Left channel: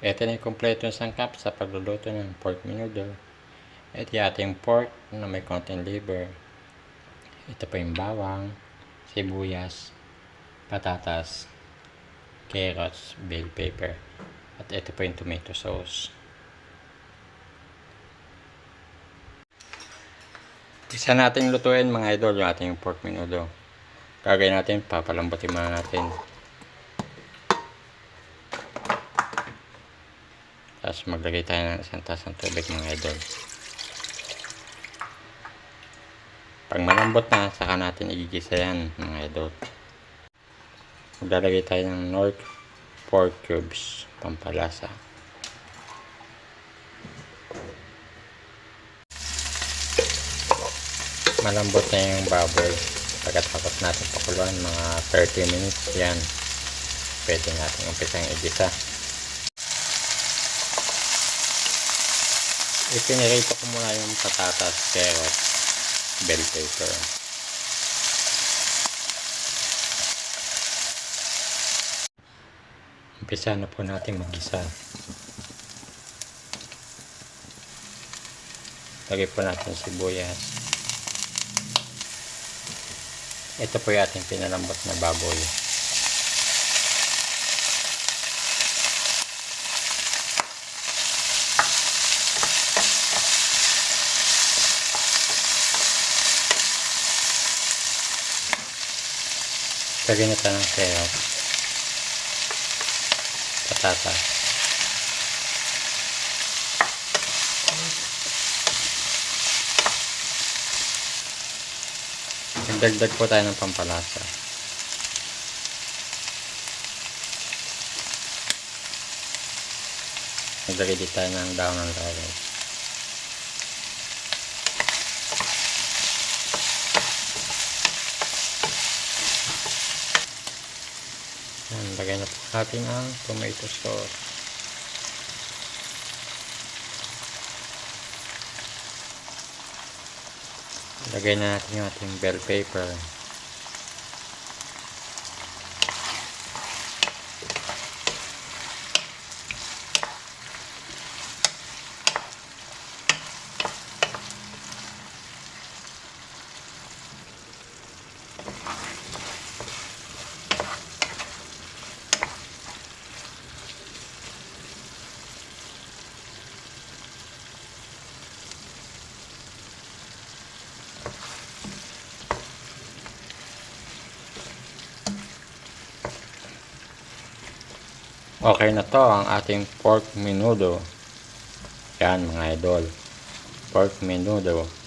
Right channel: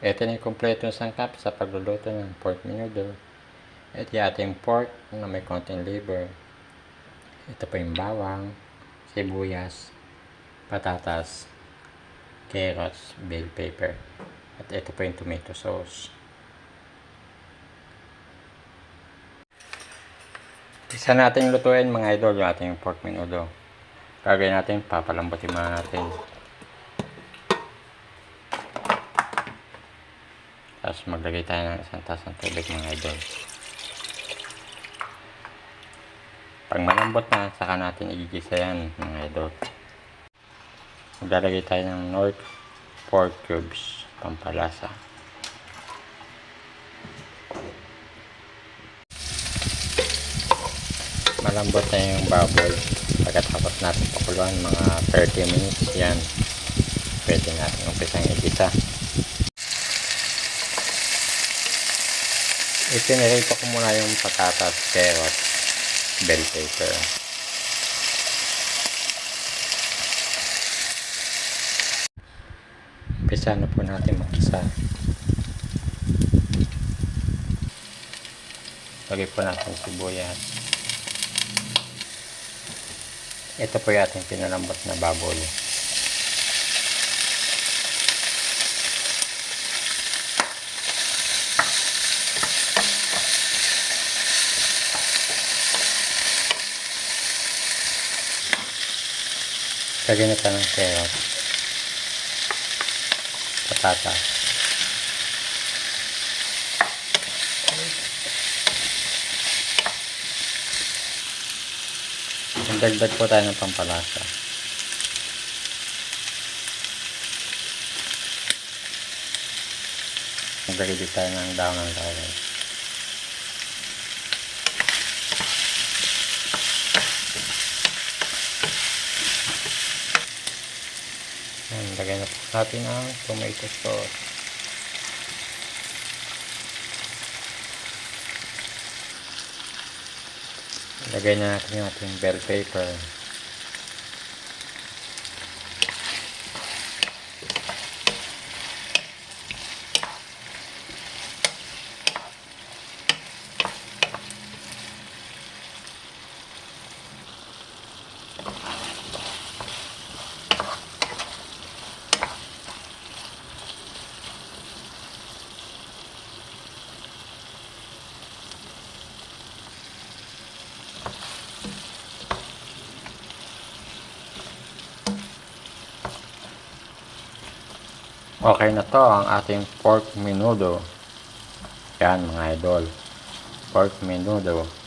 Ito na yung kompleto ng sangkap sa pagluluto ng pork menudo. Ito yung ating pork na may konting liver. Ito po yung bawang, sibuyas, patatas, carrots, bell pepper. At ito po yung tomato sauce. Isa natin lutuin mga idol yung ating pork menudo. Gagawin natin, papalambutin muna natin. Tapos maglagay tayo ng isang taas ng tubig mga idol. Pag malambot na, saka natin igigisa yan mga idol. Maglalagay tayo ng Knorr pork cubes, pampalasa. Malambot na yung baboy. Pagkatapos natin pakuluan mga 30 minutes yan, pwede natin umpisang igisa. Ipinirito ko muna yung patatas, carrot, bell pepper. Umpisa na po natin magkisa. Lagay po natin sibuyas. Ito po yung ating pinalambot na baboy. Lagyan na tayo ng carrot, patatas, dagdag po tayo ng pampalasa. Maglagay din tayo ng daon ng laurel. Lagay na po natin ang tomato sauce. Lagay na natin yung ating bell pepper. Okay na to ang ating pork menudo. Yan mga idol. Pork menudo.